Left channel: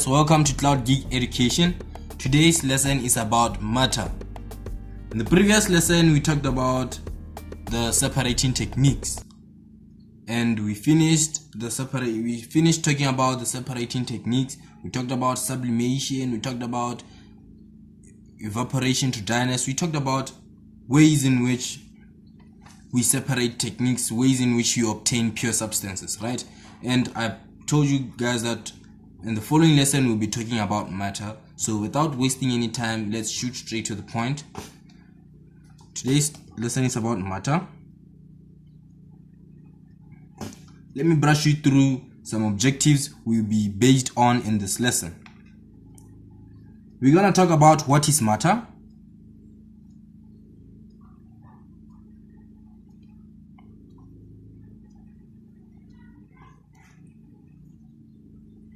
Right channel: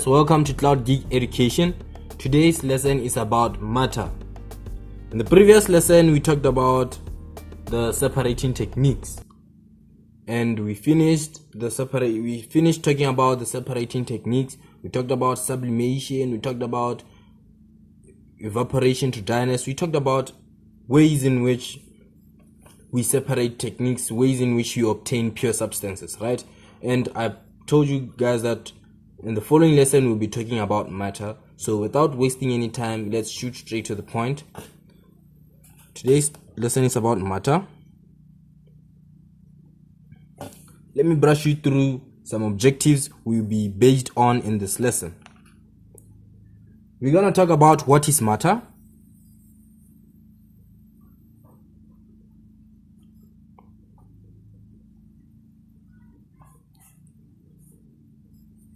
guys, welcome to Cloud Geek Education. Today's lesson is about matter. In the previous lesson we talked about the separating techniques and we finished talking about the separating techniques. We talked about sublimation, we talked about evaporation to dryness, we talked about ways in which we separate techniques, ways in which you obtain pure substances, right? And I told you guys that in the following lesson we'll be talking about matter. So without wasting any time, let's shoot straight to the point. Today's lesson is about matter. Let me brush you through some objectives we'll be based on in this lesson. We're gonna talk about what is matter.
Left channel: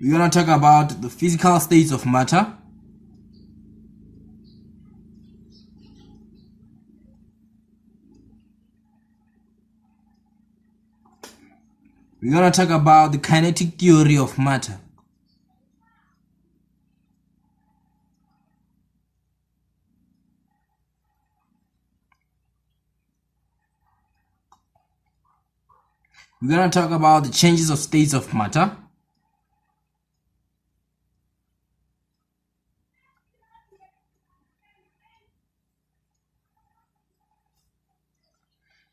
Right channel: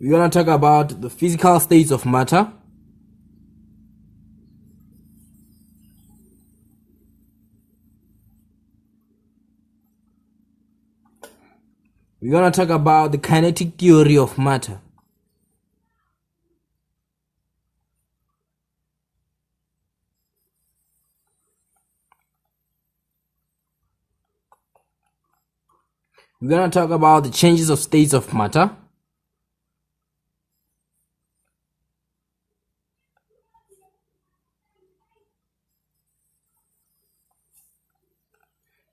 We're going to talk about the physical states of matter. We're going to talk about the kinetic theory of matter. We're going to talk about the changes of states of matter.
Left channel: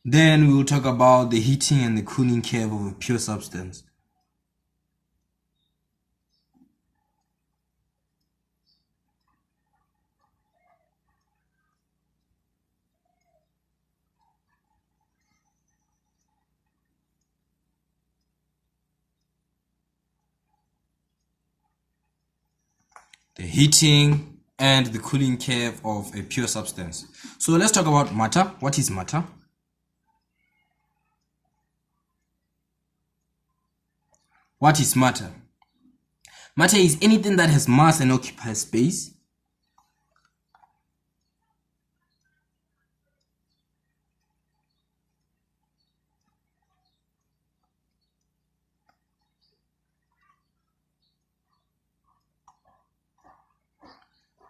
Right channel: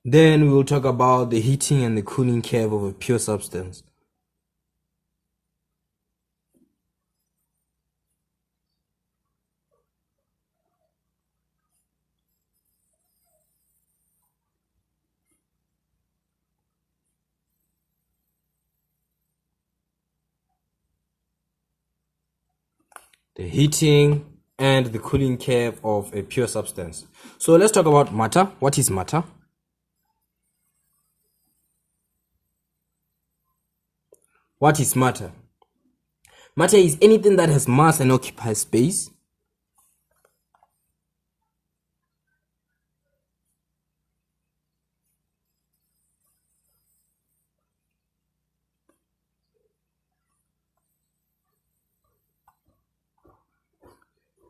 Then we will talk about the heating and the cooling curve of a pure substance. The heating and the cooling curve of a pure substance. So let's talk about matter. What is matter? What is matter? Matter is anything that has mass and occupies space.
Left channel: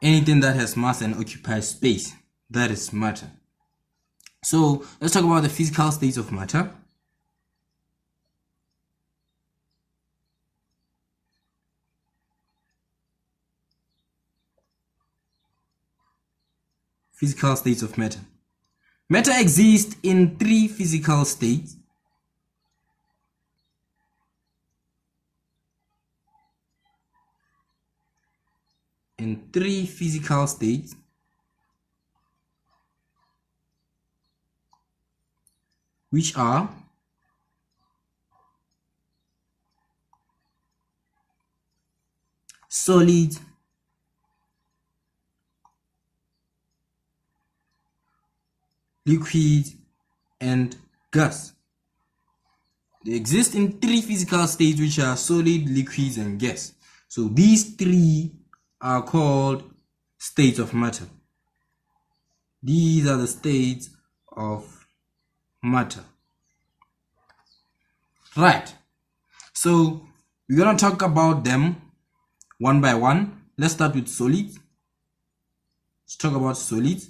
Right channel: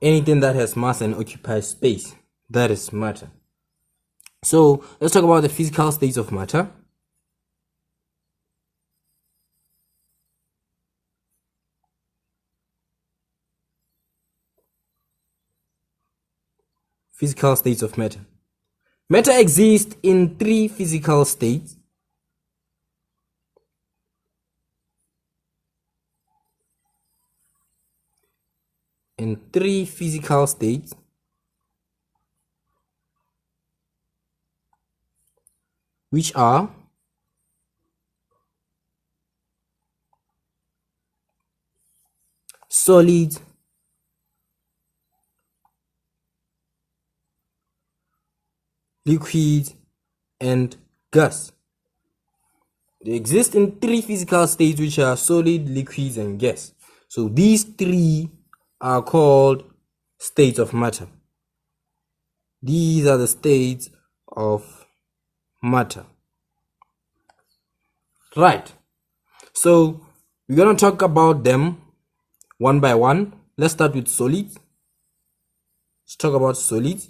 Anything that has mass and occupies space, that is matter. So let's talk about the physical states of matter. Physical states of matter. Matter exists in three physical states. Which are solid, liquid, and gas. They exist in three physical states, which are solid, liquids, and gas. So these three are called states of matter. These are the states of matter. Right. So we're going to talk about them one by one. Let's start with solids. Let's talk about solids.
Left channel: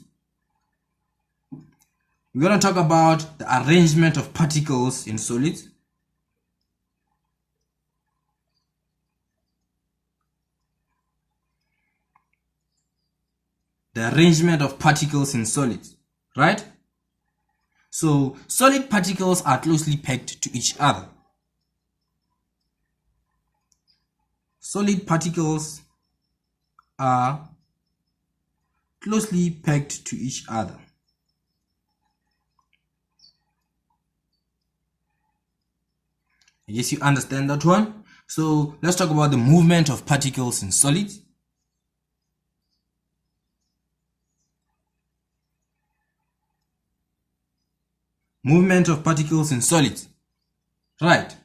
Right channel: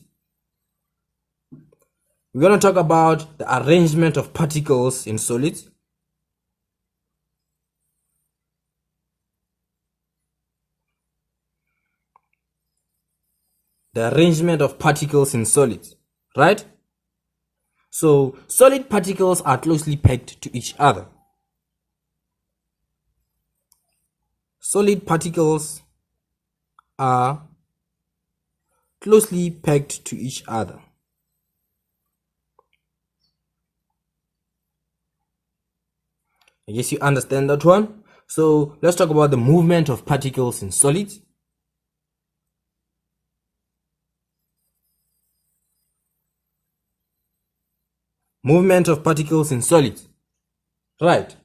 We're going to talk about the arrangement of particles in solids. The arrangement of particles in solids, right? So solid particles are closely pegged to each other. Solid particles are closely pegged to each other. I guess you understand that one. So let's talk about the movement of particles in solids. Movement of particles in solids. Right.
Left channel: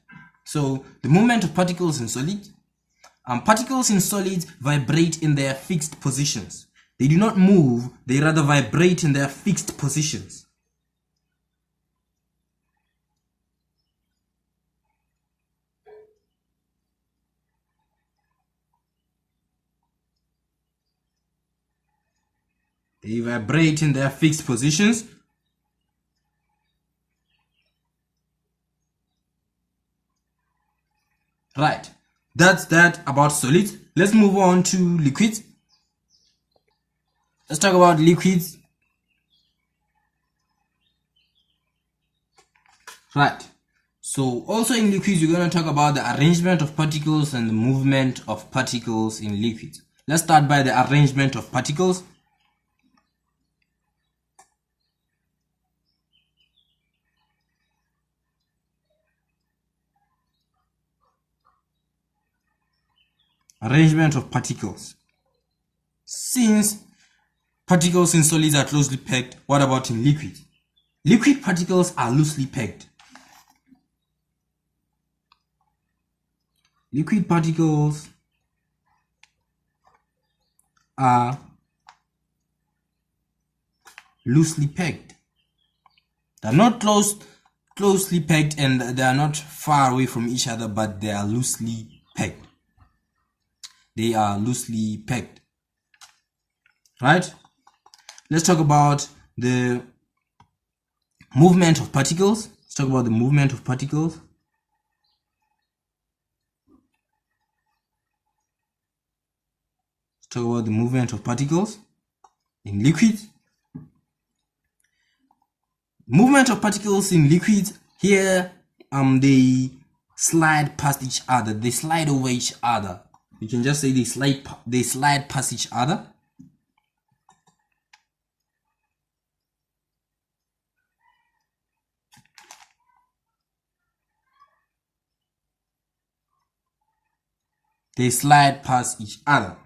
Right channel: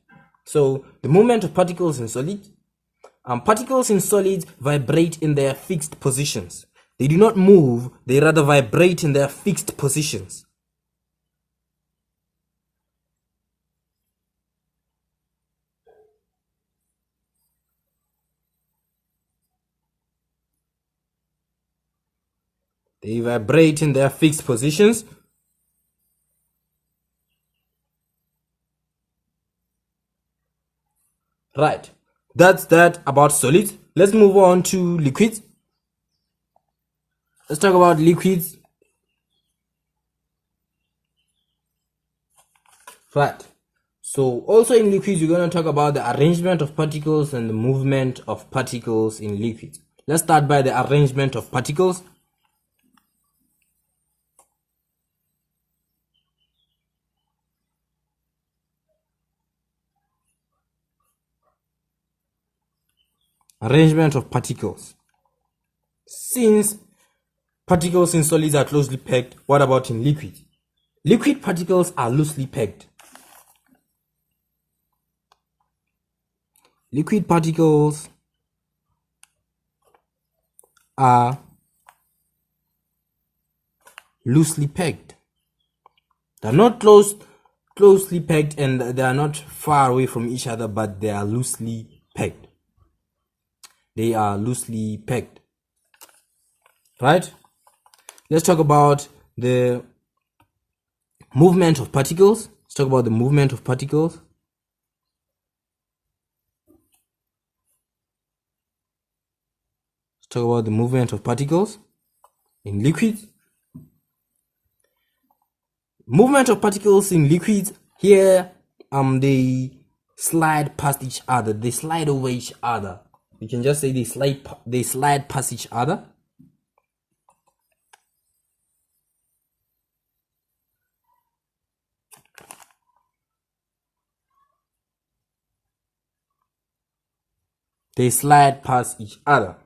So the movement of particles in solids. Particles in solids vibrate in their fixed positions. They do not move, they rather vibrate in their fixed positions. They vibrate in their fixed positions. Right. That's that about solids. Let's move on to liquids. Let's talk about liquids. Right. So also in liquids, we're going to talk about the arrangement of particles and the movement of particles in liquids. Let's start by the arrangement of particles. Arrangement of particles. Since particles in solids are closely packed, what about in liquids? Liquid particles are loosely packed. Liquid particles are loosely packed. They're not closely packed, and they are not far away from each other, but they are loosely packed. They are loosely packed. Right? Let's talk about the movement of particles. Let's talk about the movement of particles. Let's talk about the movement of particles in liquids. Movement of particles in liquids, here they slide past each other. They slide over each other. You can just say they slide past each other. They slide past each other.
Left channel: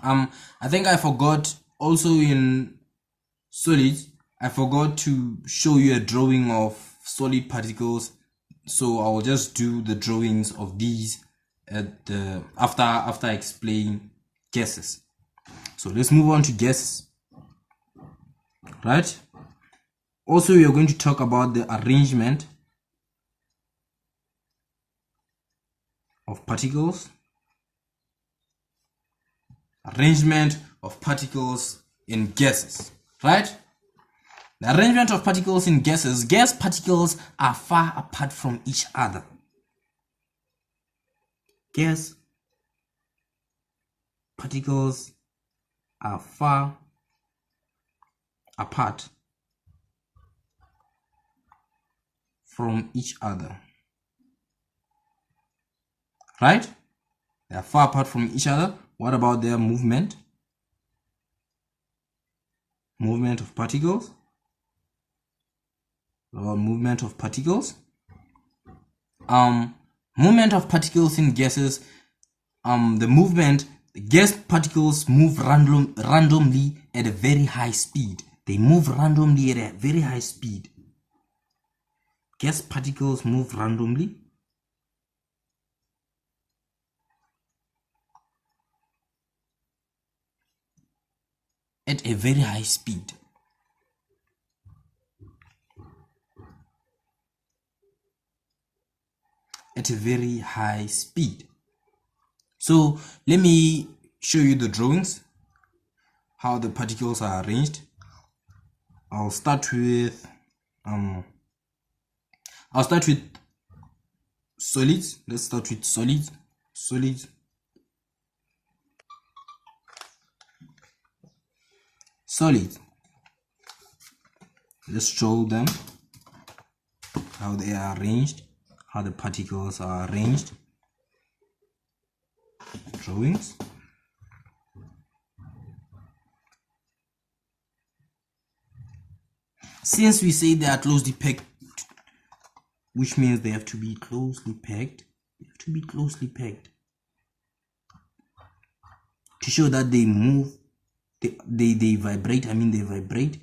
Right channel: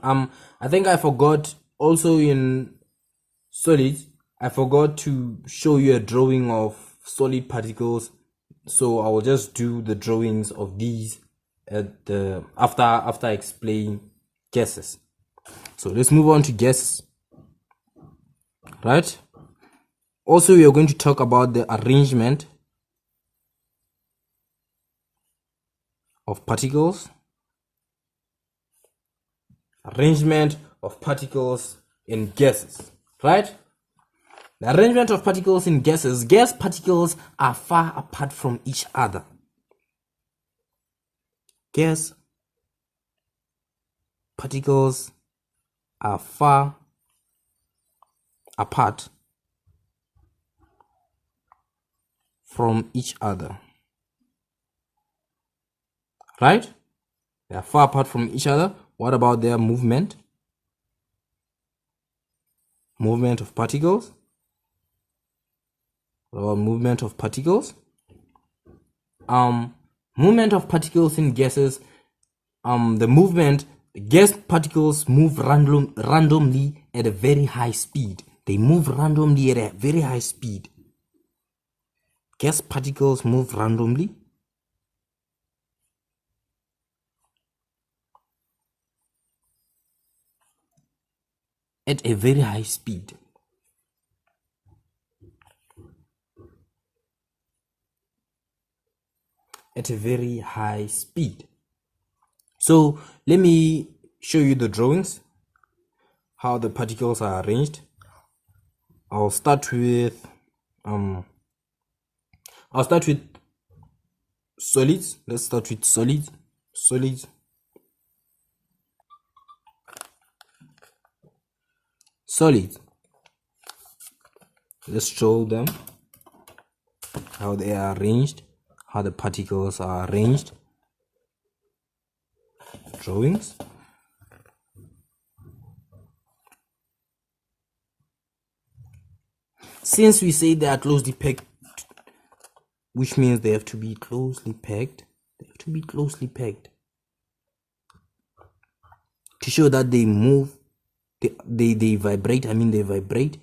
I think I forgot also in solids, I forgot to show you a drawing of solid particles, so I will just do the drawings of these at the after I explain gases. So let's move on to gases. Right? Also, we are going to talk about the arrangement of particles. Arrangement of particles in gases. Right? The arrangement of particles in gases. Gas particles are far apart from each other. Gas particles are far apart from each other. Right? They are far apart from each other. What about their movement? Movement of particles. What about movement of particles? Movement of particles in gases. The gas particles move randomly at a very high speed. They move randomly at a very high speed. Gas particles move randomly at a very high speed. At a very high speed. So let me show you the drawings, how the particles are arranged. I'll start with solids. Let's start with solids. Solids. Let's show them how they are arranged, how the particles are arranged. Drawings. Since we say they are closely packed, which means they have to be closely packed. They have to be closely packed to show that they move. They vibrate. I mean, they vibrate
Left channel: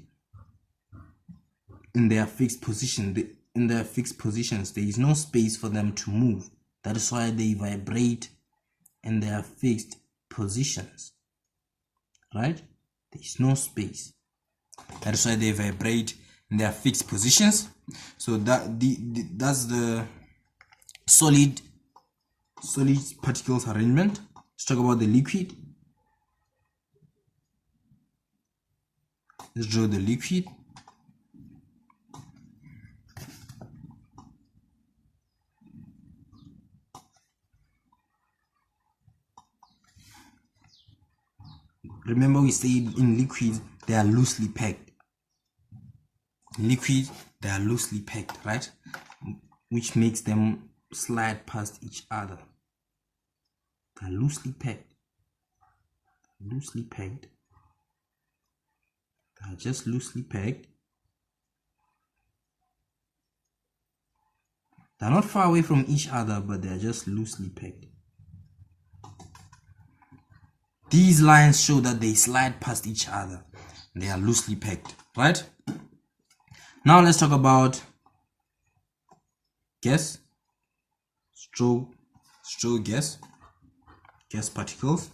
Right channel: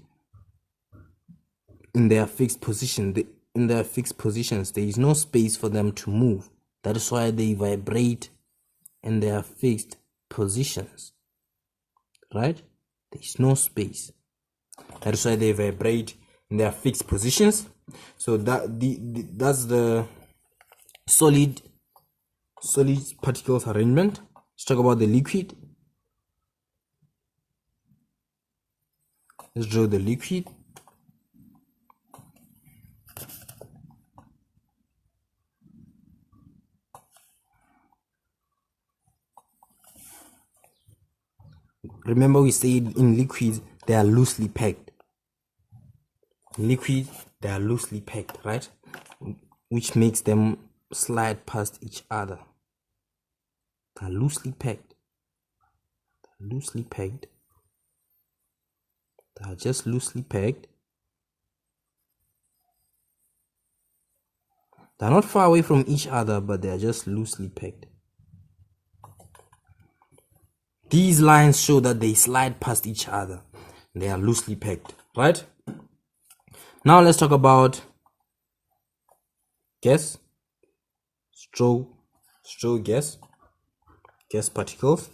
in their fixed position. In their fixed positions, there is no space for them to move. That is why they vibrate in their fixed positions. Right? There is no space. That is why they vibrate in their fixed positions. So that's the solid particles arrangement. Let's talk about the liquid. Let's draw the liquid. Remember, we said in liquid they are loosely packed. In liquid they are loosely packed, right? Which makes them slide past each other. They are loosely packed. Loosely packed. They are just loosely packed. They are not far away from each other, but they are just loosely packed. These lines show that they slide past each other. They are loosely packed, right? Now let's talk about gas. Straw gas particles.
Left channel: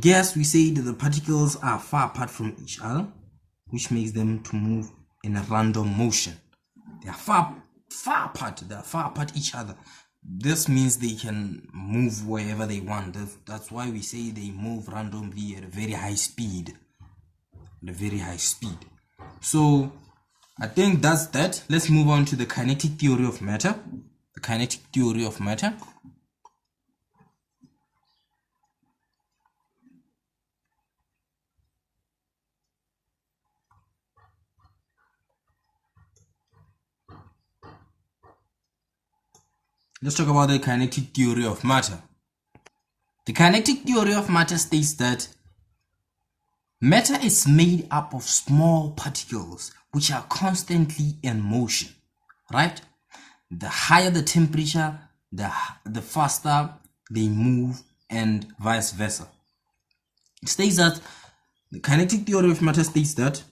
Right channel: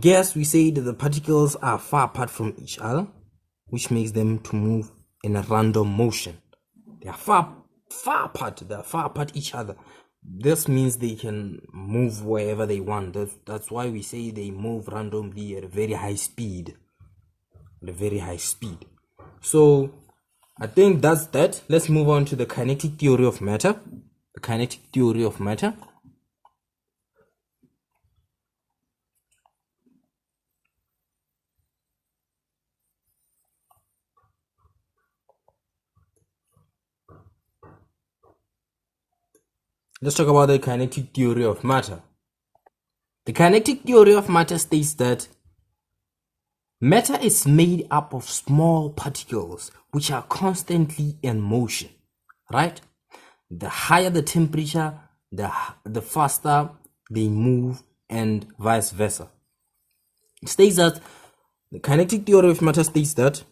Gas, we say that the particles are far apart from each other, which makes them to move in a random motion. They are far apart. They are far apart each other. This means they can move wherever they want. That's why we say they move randomly at a very high speed. So I think that's that. Let's move on to the kinetic theory of matter. The kinetic theory of matter. Let's talk about the kinetic theory of matter. The kinetic theory of matter states that matter is made up of small particles which are constantly in motion, right? The higher the temperature, the faster they move, and vice versa. It states that the kinetic theory of matter states that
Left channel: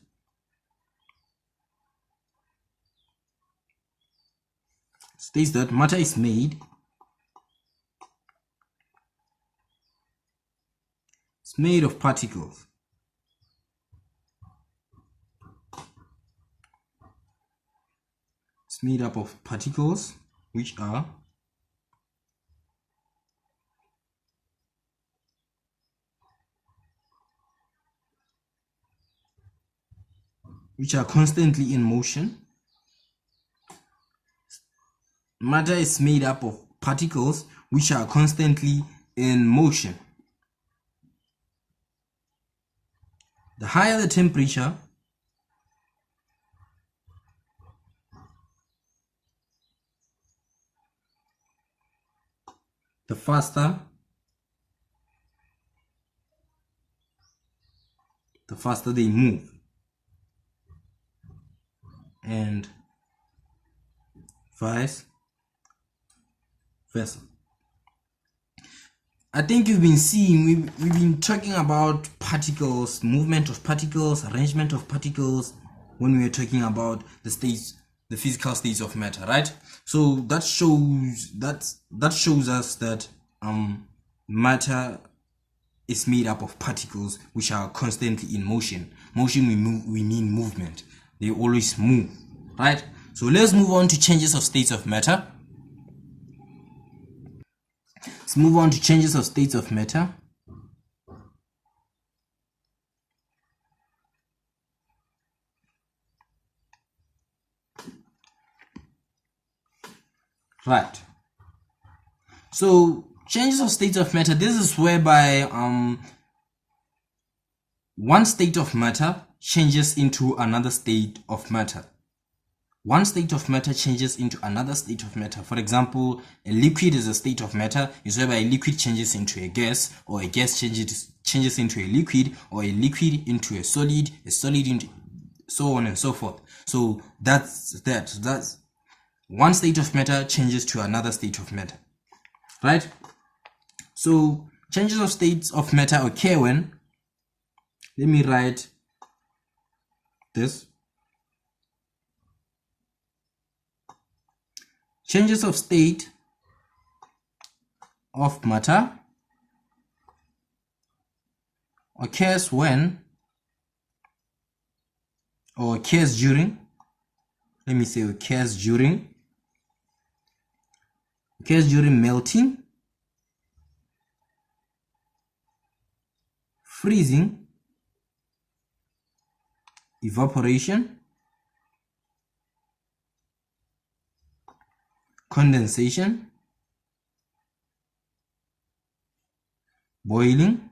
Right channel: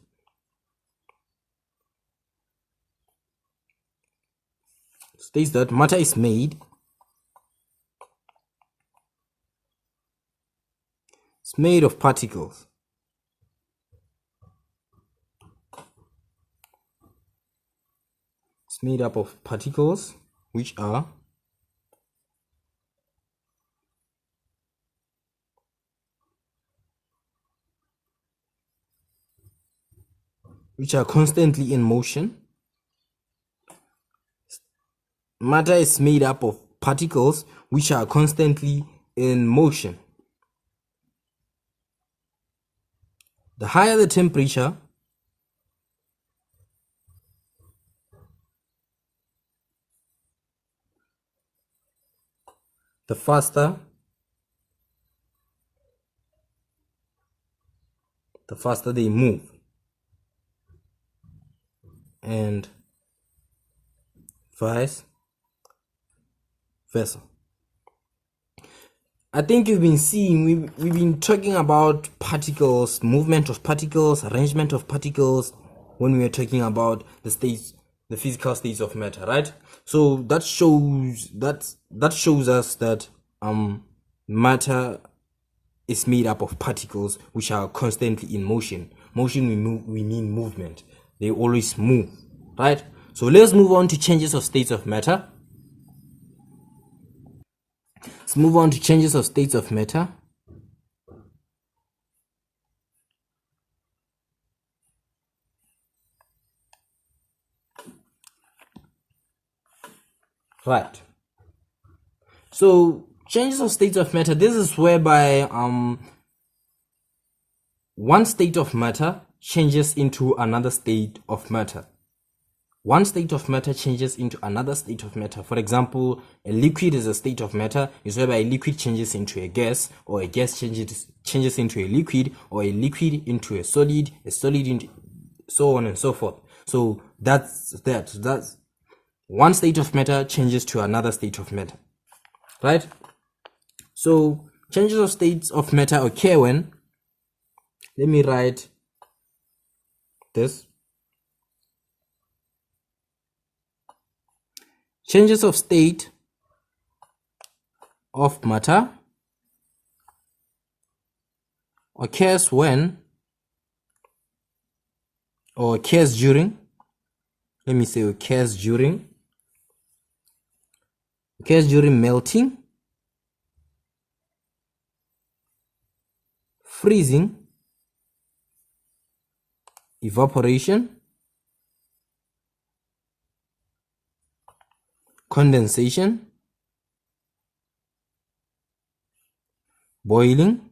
matter is made of particles. It's made up of particles which are constantly in motion. Matter is made up of particles which are constantly in motion. The higher the temperature, the faster they move, and vice versa. I think you've been seeing, we've been talking about particles, movement of particles, arrangement of particles when we are talking about the physical states of matter, right? So that shows us that matter is made up of particles which are constantly in motion. Motion, we mean movement. They always move, right? So let's move on to changes of states of matter. Let's move on to changes of states of matter. Right. So changes of states of matter, this is whereby one state of matter changes into another state of matter. One state of matter changes into another state of matter. For example, a liquid is a state of matter, is whereby a liquid changes into a gas, or a gas changes into a liquid, or a liquid into a solid into so on and so forth. So that's one state of matter changes to another state of matter, right? So changes of states of matter occur when, let me write this. Changes of state of matter occurs when or occurs during, let me say occurs during melting, freezing, evaporation, condensation, boiling,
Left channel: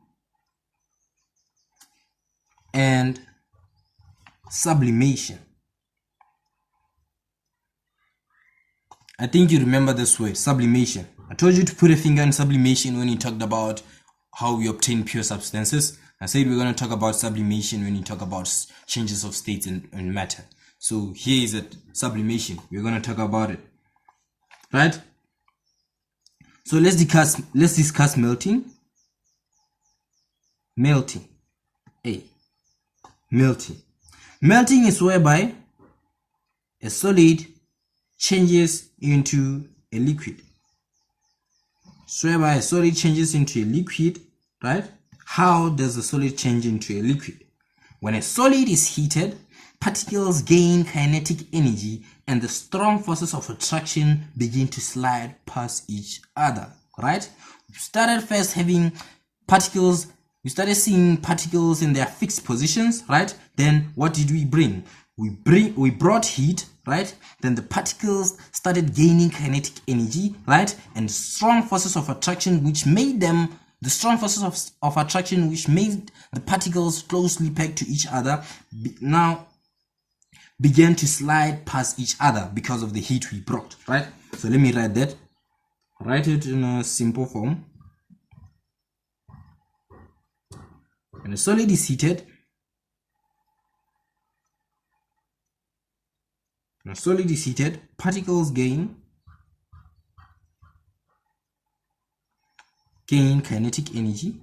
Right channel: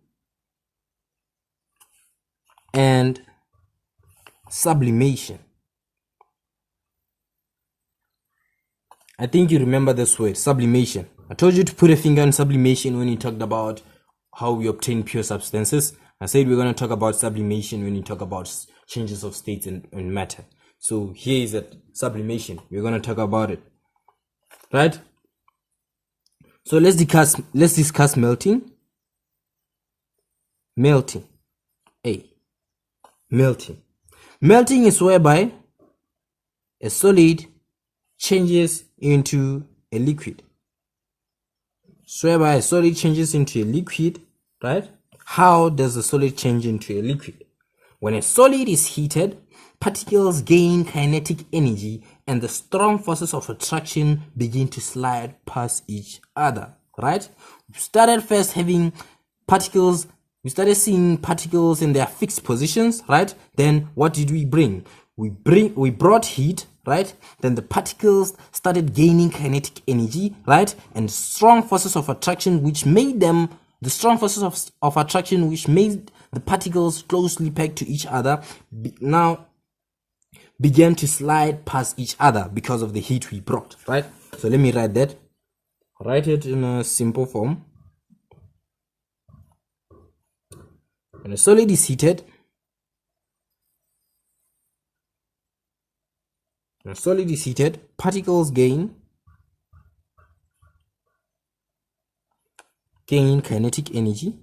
and sublimation. I think you remember this word, sublimation. I told you to put a finger on sublimation when you talked about how we obtain pure substances. I said we're going to talk about sublimation when you talk about changes of states in matter. So here is it, sublimation. We're going to talk about it, right? So let's discuss melting. Melting is whereby a solid changes into a liquid. So whereby a solid changes into a liquid, right? How does a solid change into a liquid? When a solid is heated, particles gain kinetic energy and the strong forces of attraction begin to slide past each other, right? We started first having particles. We started seeing particles in their fixed positions, right? Then what did we bring? We brought heat, right? Then the particles started gaining kinetic energy, right? And strong forces of attraction which made them, the strong forces of attraction which made the particles closely pegged to each other now began to slide past each other because of the heat we brought, right? So let me write that. Write it in a simple form. When a solid is heated, particles gain kinetic energy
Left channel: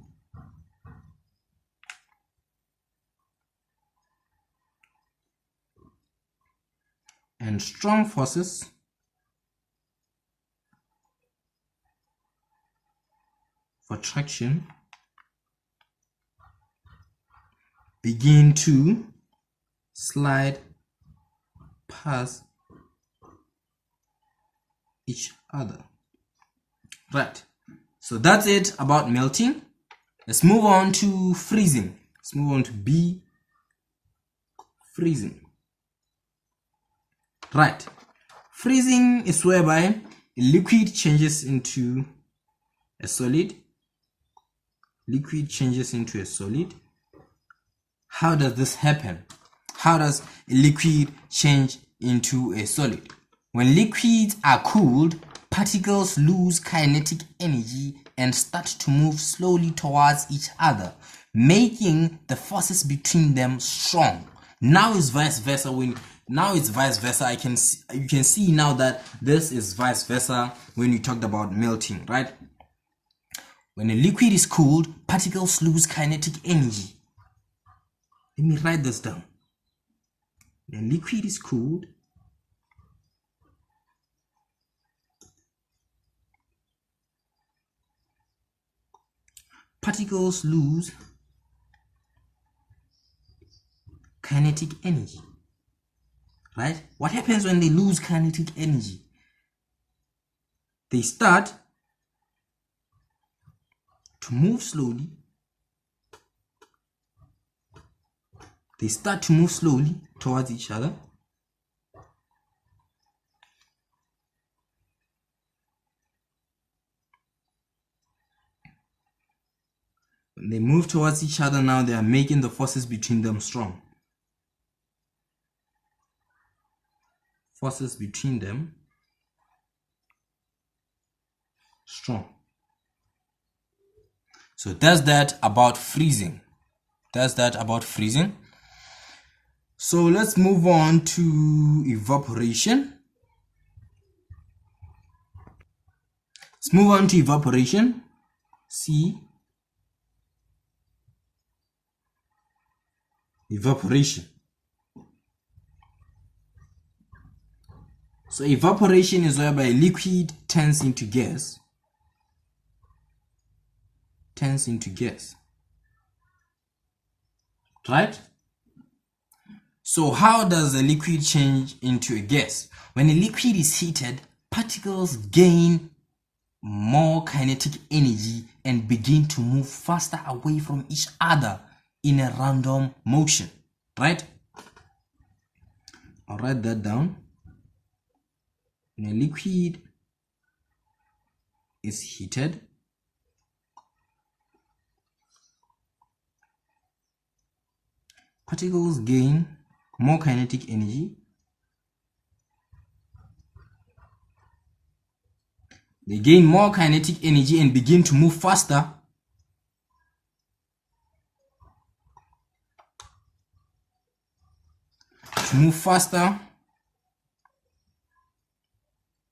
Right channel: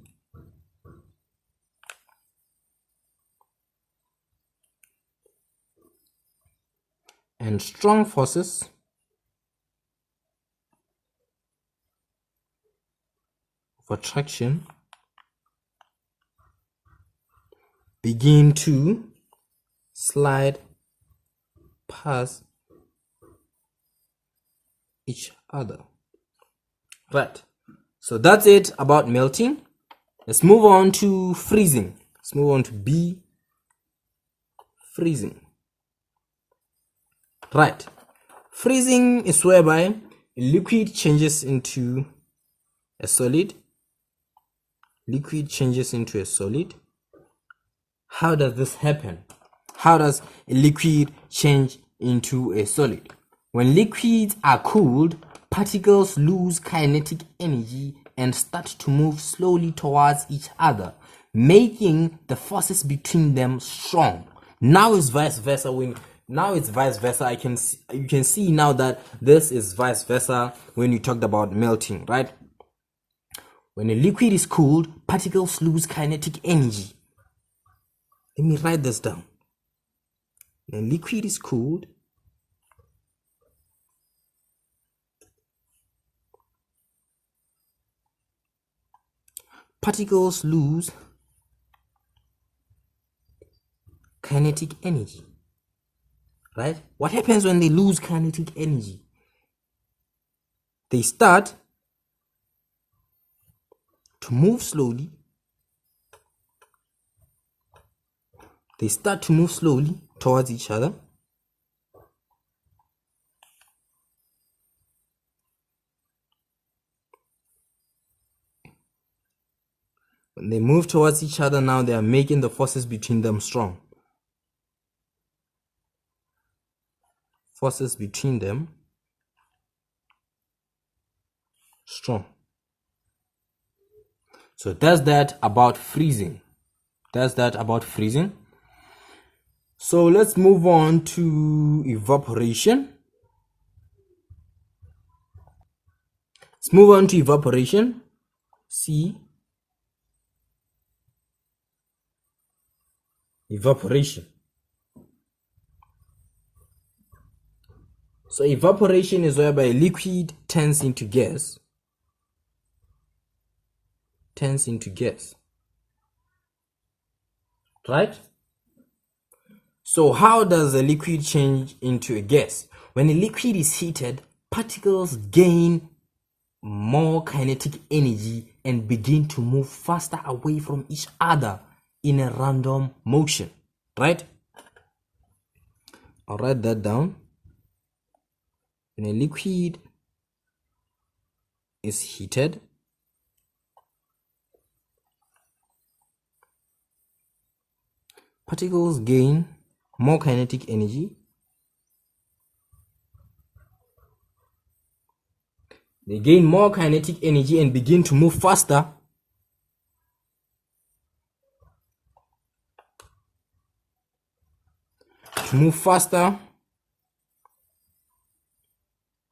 and strong forces of attraction begin to slide past each other, right? So that's it about melting. Let's move on to freezing. Let's move on to B, freezing. Right. Freezing is whereby a liquid changes into a solid. How does this happen? How does a liquid change into a solid? When liquids are cooled, particles lose kinetic energy and start to move slowly towards each other, making the forces between them strong. Now it's vice versa. You can see now that this is vice versa when you talked about melting, right? When a liquid is cooled, particles lose kinetic energy. Let me write this down. When a liquid is cooled, particles lose kinetic energy, right? What happens when they lose kinetic energy? They start to move slowly. Towards each other. When they move towards each other, now they are making the forces between them strong. So that's that about freezing. So let's move on to evaporation. C, evaporation. So evaporation is whereby a liquid turns into gas. Right? So how does a liquid change into a gas? When a liquid is heated, particles gain more kinetic energy and begin to move faster away from each other in a random motion, right? I'll write that down. When a liquid is heated, particles gain more kinetic energy. They gain more kinetic energy and begin to move faster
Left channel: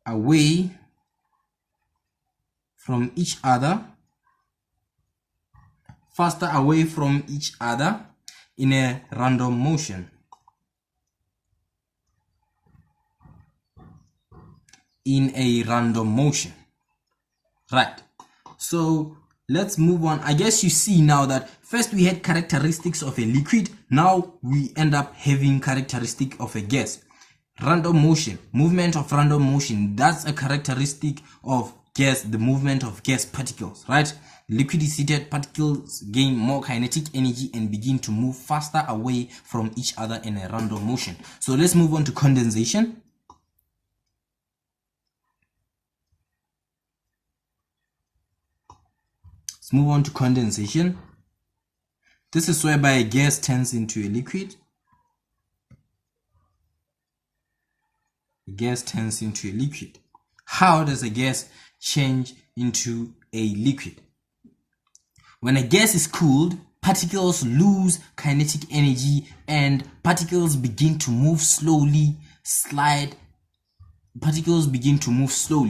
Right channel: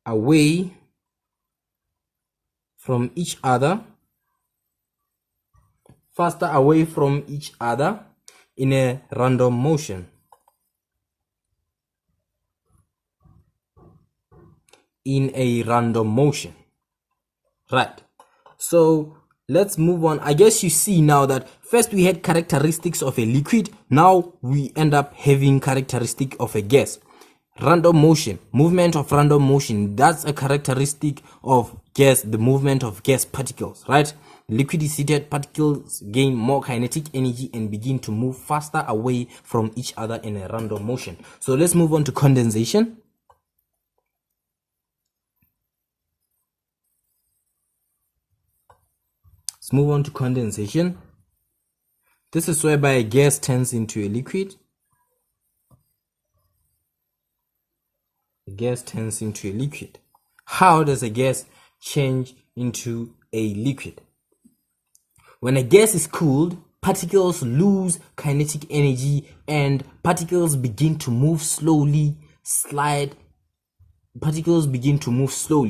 away from each other, in a random motion. Right. So let's move on. I guess you see now that first we had characteristics of a liquid. Now we end up having characteristic of a gas. Random motion, movement of random motion. That's a characteristic of gas, the movement of gas particles, right? Liquid is heated, particles gain more kinetic energy and begin to move faster away from each other in a random motion. So let's move on to condensation. Let's move on to condensation. This is whereby a gas turns into a liquid. A gas turns into a liquid. How does a gas change into a liquid? When a gas is cooled, particles lose kinetic energy and particles begin to move slowly,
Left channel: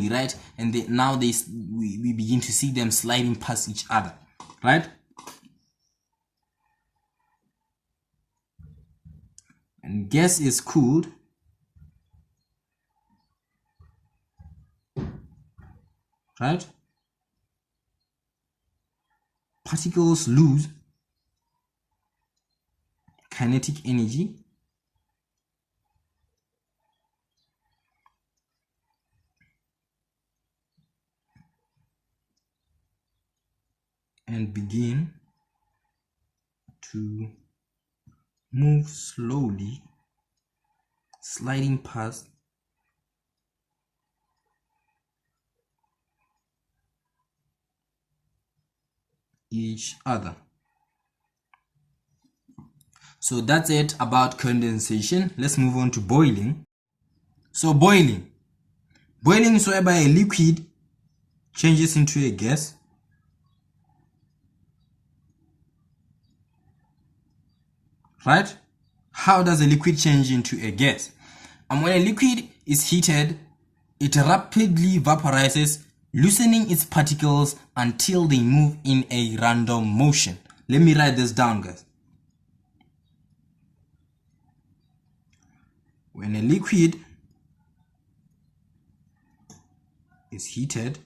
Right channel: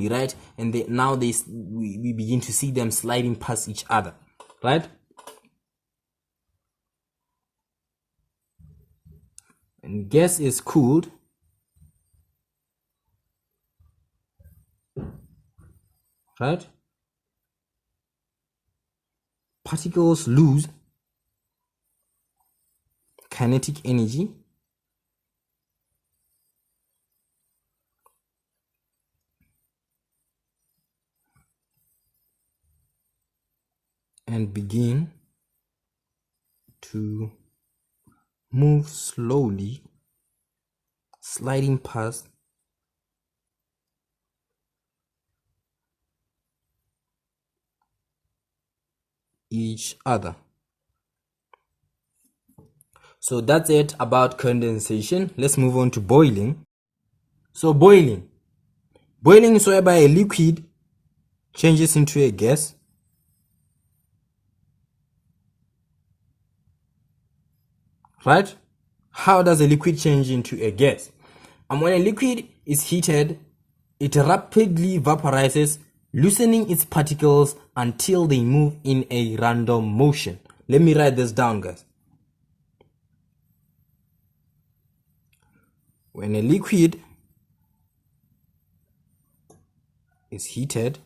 right? And we begin to see them sliding past each other, right? And gas is cooled, right? Particles lose kinetic energy and begin to move slowly, sliding past each other. So that's it about condensation. Let's move on to boiling. So boiling is whereby a liquid changes into a gas. Right? How does a liquid change into a gas? And when a liquid is heated, it rapidly vaporizes, loosening its particles until they move in a random motion. Let me write this down, guys. When a liquid is heated,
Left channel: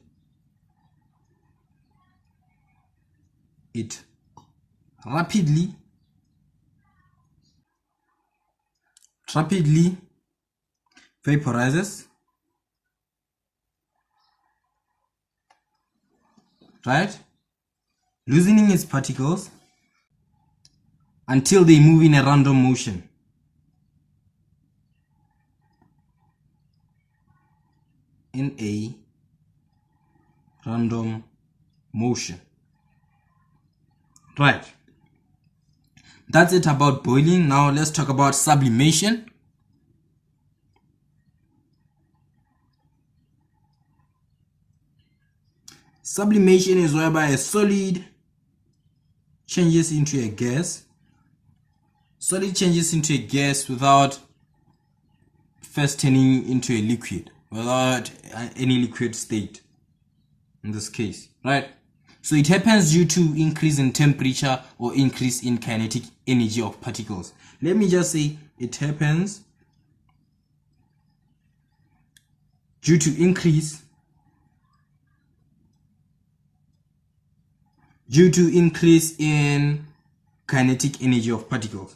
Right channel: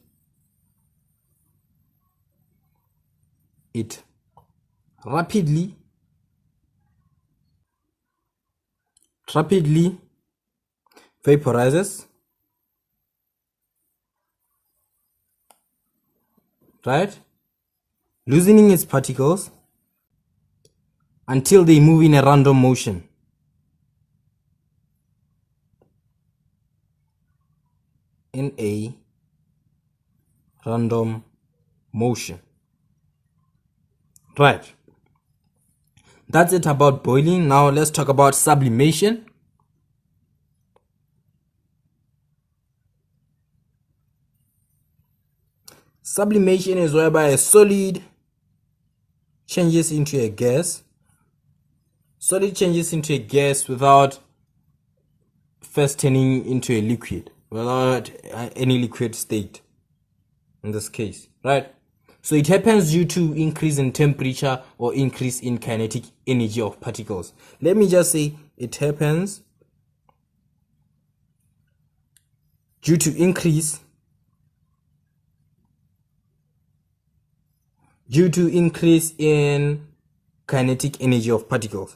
it rapidly vaporizes, right? Loosening its particles until they move in a random motion. In a random motion. Right. That's it about boiling. Now let's talk about sublimation. Sublimation is whereby a solid changes into a gas. Solid changes into a gas without first turning into a liquid, without any liquid state in this case, right? So it happens due to increase in temperature or increase in kinetic energy of particles. Let me just say it happens due to increase in kinetic energy of particles.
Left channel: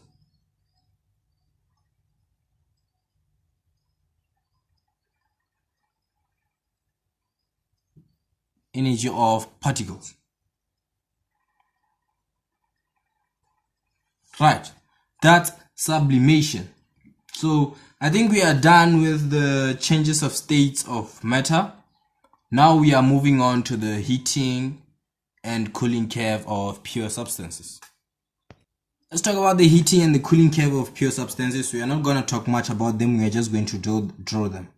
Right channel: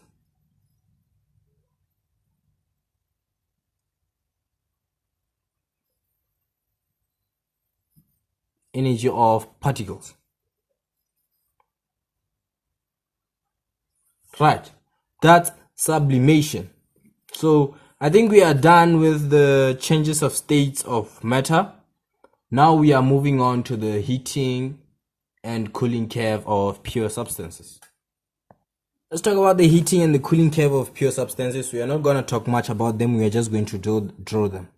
energy of particles. Right, that's sublimation. So I think we are done with the changes of states of matter. Now we are moving on to the heating and cooling curve of pure substances. Let's talk about the heating and the cooling curve of pure substances. We are not going to talk much about them. We are just going to draw them.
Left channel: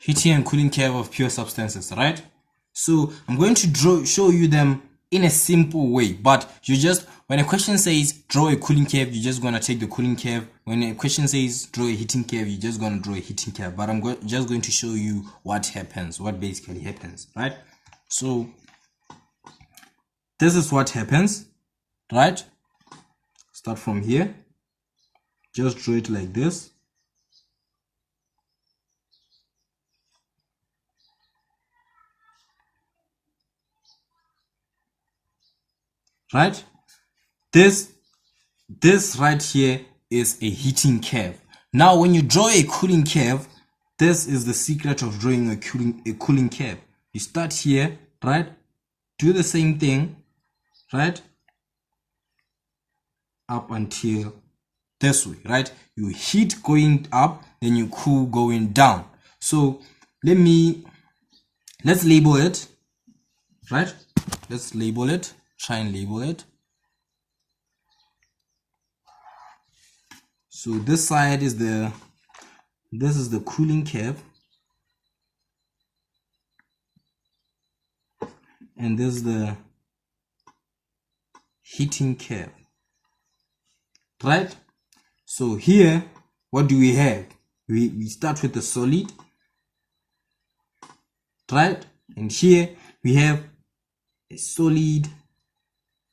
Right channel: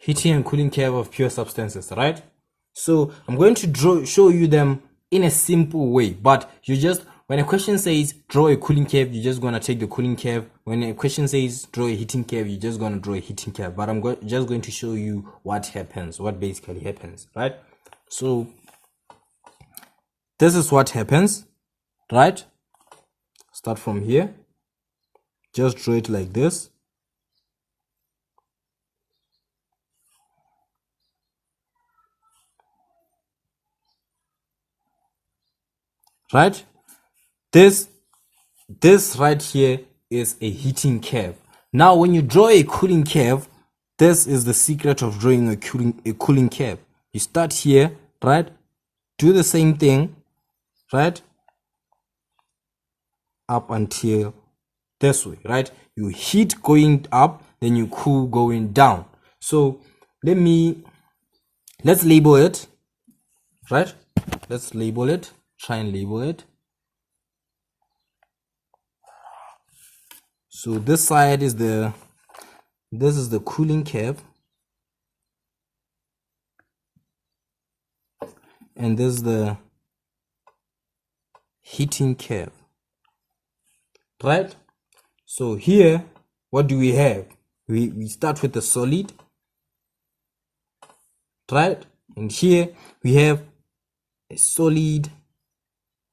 Heating and cooling curve of pure substances, right? So I'm going to show you them in a simple way, but you just, when a question says draw a cooling curve, you're just going to take the cooling curve. When a question says draw a heating curve, you're just going to draw a heating curve. But I'm just going to show you what happens, what basically happens, right? So this is what happens, right? Start from here. Just draw it like this. Right? This right here is a heating curve. Now when you draw a cooling curve, this is the secret of drawing a cooling curve. You start here, right? Do the same thing, right? Up until this way, right? You heat going up, then you cool going down. So let's label it, right? Let's label it. Try and label it. So this side is the cooling curve, and this is the heating curve, right? So here, what do we have? We start with the solid, right? And here we have a solid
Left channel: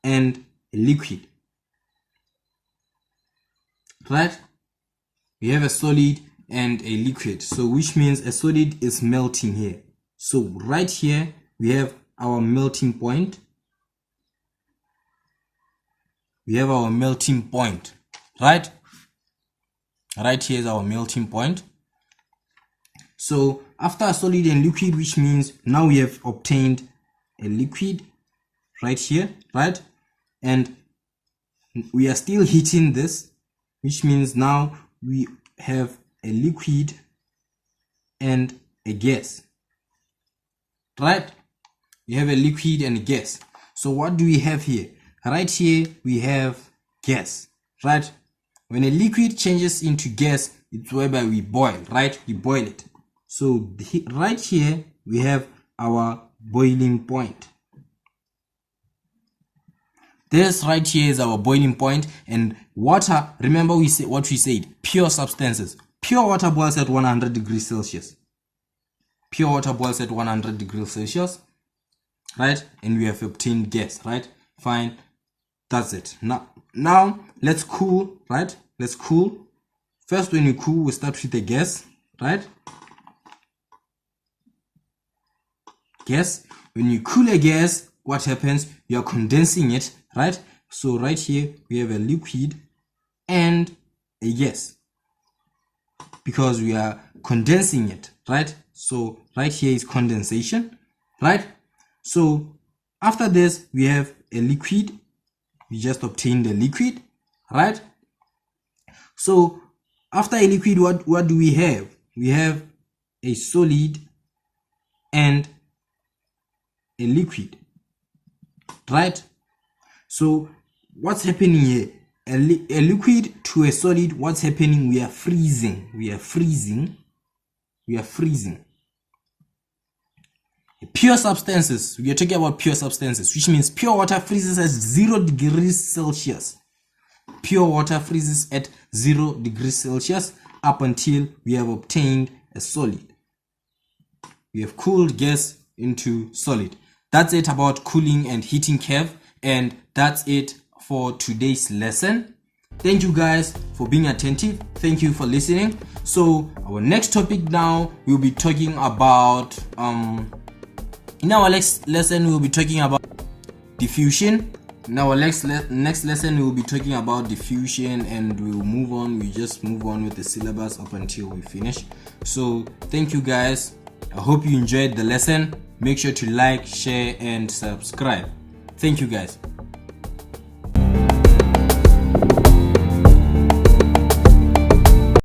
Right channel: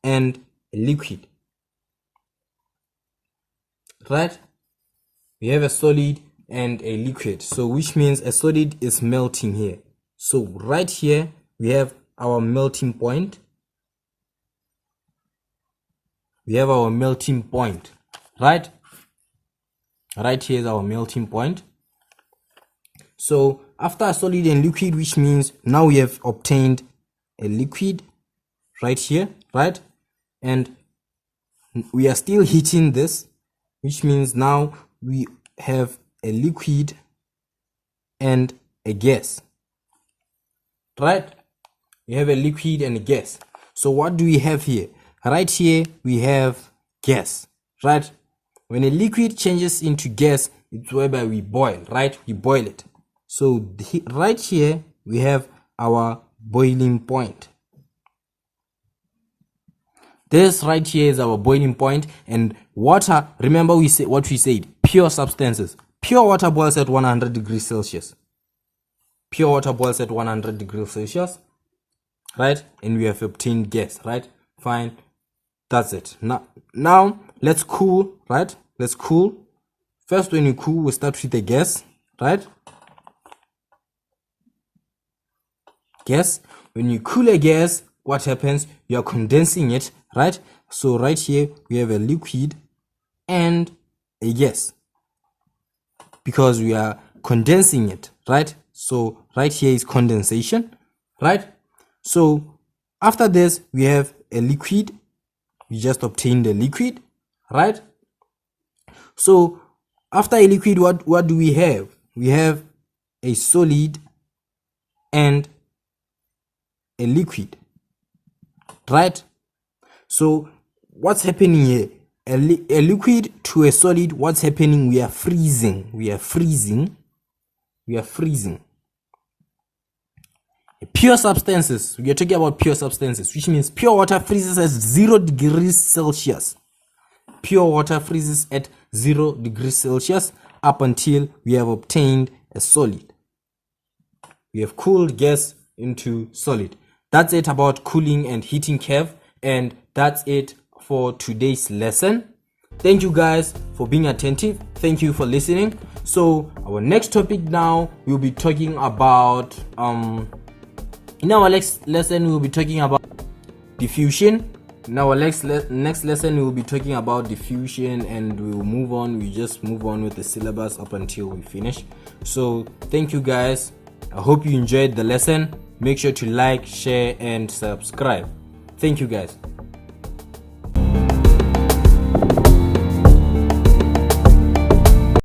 and a liquid, right? We have a solid and a liquid, so which means a solid is melting here. So right here we have our melting point. We have our melting point, right? Right here is our melting point. So after a solid and liquid, which means now we have obtained a liquid right here, right? And we are still heating this, which means now we have a liquid and a gas, right? We have a liquid and a gas. So what do we have here? Right here we have gas, right? When a liquid changes into gas, it's whereby we boil, right? We boil it. So right here we have our boiling point. This right here is our boiling point. And water, remember we said what we said, pure substances. Pure water boils at 100 degrees Celsius. Pure water boils at 100 degrees Celsius, right? And we have obtained gas, right? Fine, that's it. Now let's cool, right? Let's cool. First, when you cool, we start with the gas, right? Gas. When you cool a gas, what happens? You are condensing it, right? So right here we have a liquid and a gas because we are condensing it, right? So right here is condensation, right? So after this we have a liquid. We just obtained the liquid, right? So after a liquid, what do we have? We have a solid and a liquid, right? So what's happening here? A liquid to a solid, what's happening? We are freezing. Pure substances, we are talking about pure substances, which means pure water freezes at 0 degrees Celsius. Pure water freezes at 0 degrees Celsius up until we have obtained a solid. We have cooled gas into solid. That's it about cooling and heating curve, and that's it for today's lesson. Thank you guys for being attentive. Thank you for listening. So our next topic now, we'll be talking about in our next lesson we'll be talking about diffusion. In our next lesson, we will be talking about diffusion, and we will move on. We just move on with the syllabus up until we finish. So thank you guys. I hope you enjoyed the lesson. Make sure to like, share, and subscribe. Thank you guys.